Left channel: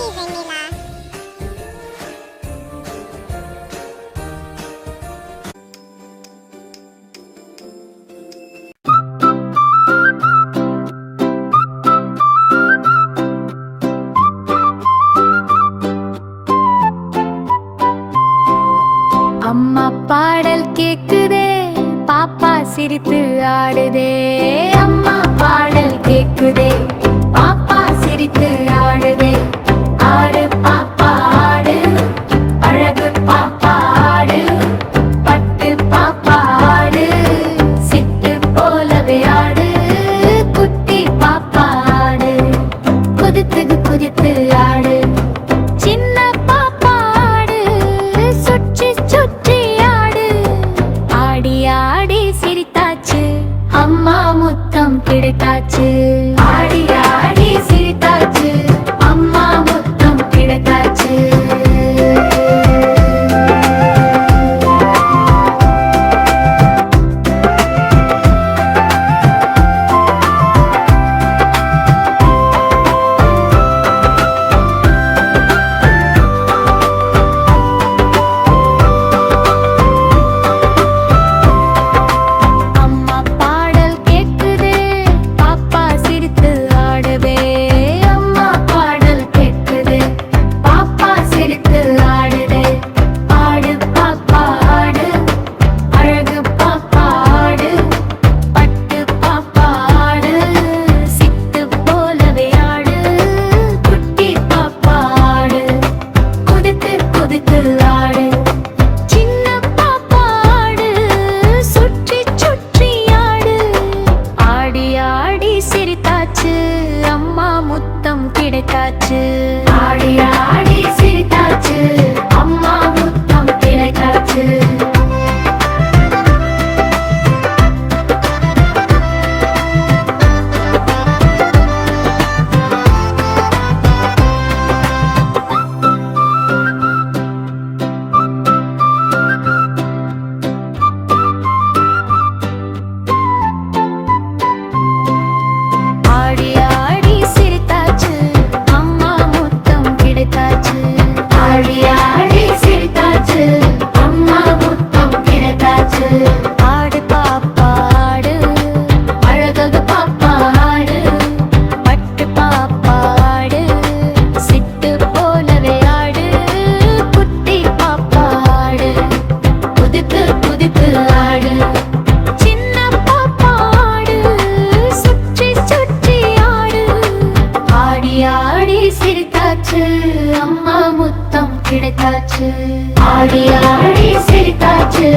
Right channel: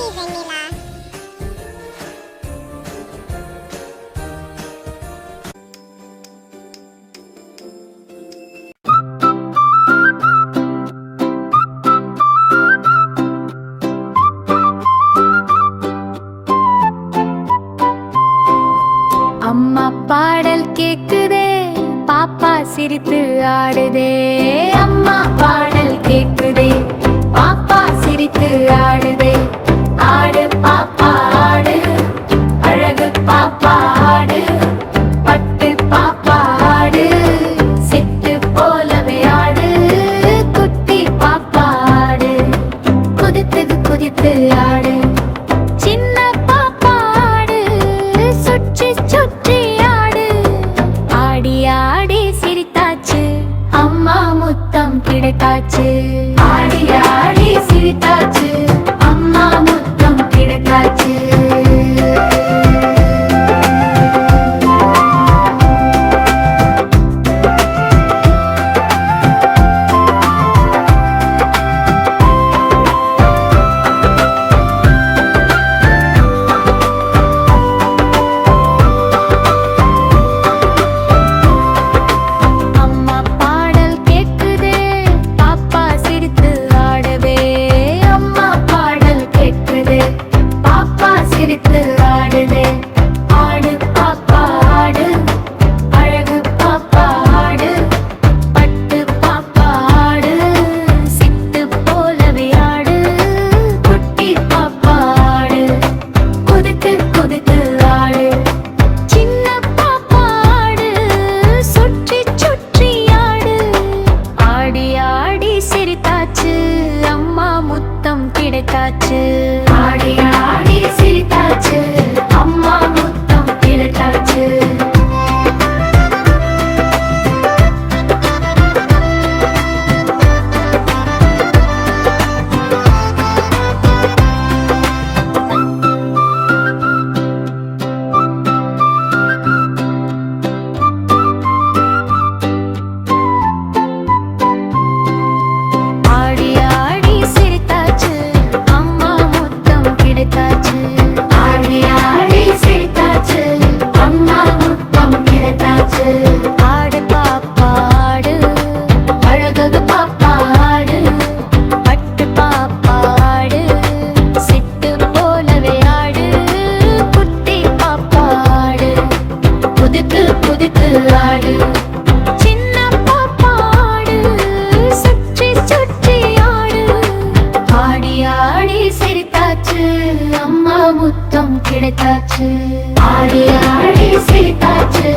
Happy Vanilla. அம்மா பாடல் கேக்குதே, பாப்பா சிரித்து ஆடுதே. அம்மா பாடல் கேக்குதே, பாப்பா சிரித்து ஆடுதே. ஆடு பாப்பா ஆடு, அழகு பாப்பா ஆடு, பட்டு பாப்பா ஆடு, சிட்டு போலவே ஆடு, குட்டி பாப்பா ஆடு, குதித்து குதித்து ஆடு. சின்ன பாப்பா ஆடு, சுற்றி சுற்றி ஆடு. ஆடி ஆடி சிரித்தாச்சு, அம்மா முத்தம் கிடைத்தாச்சு. ஆடி ஆடி சிரித்தாச்சு, அம்மா முத்தம் கிடைத்தாச்சு. அம்மா முத்தம் கிடைத்தாச்சு. ஆடி ஆடி சிரித்தாச்சு, அம்மா முத்தம் கிடைத்தாச்சு. ஆடி ஆடி சிரித்தாச்சு, அம்மா முத்தம் கிடைத்தாச்சு. ஆடி ஆடி சிரித்தாச்சு, அம்மா முத்தம் கிடைத்தாச்சு. ஆடு பாப்பா ஆடு, அழகு பாப்பா ஆடு, பட்டு பாப்பா ஆடு, சிட்டு போலவே ஆடு, குட்டி பாப்பா ஆடு, குதித்து குதித்து ஆடு. சின்ன பாப்பா ஆடு, சுற்றி சுற்றி ஆடு. ஆடி ஆடி சிரித்தாச்சு, அம்மா முத்தம் கிடைத்தாச்சு. ஆடி ஆடி சிரித்தாச்சு.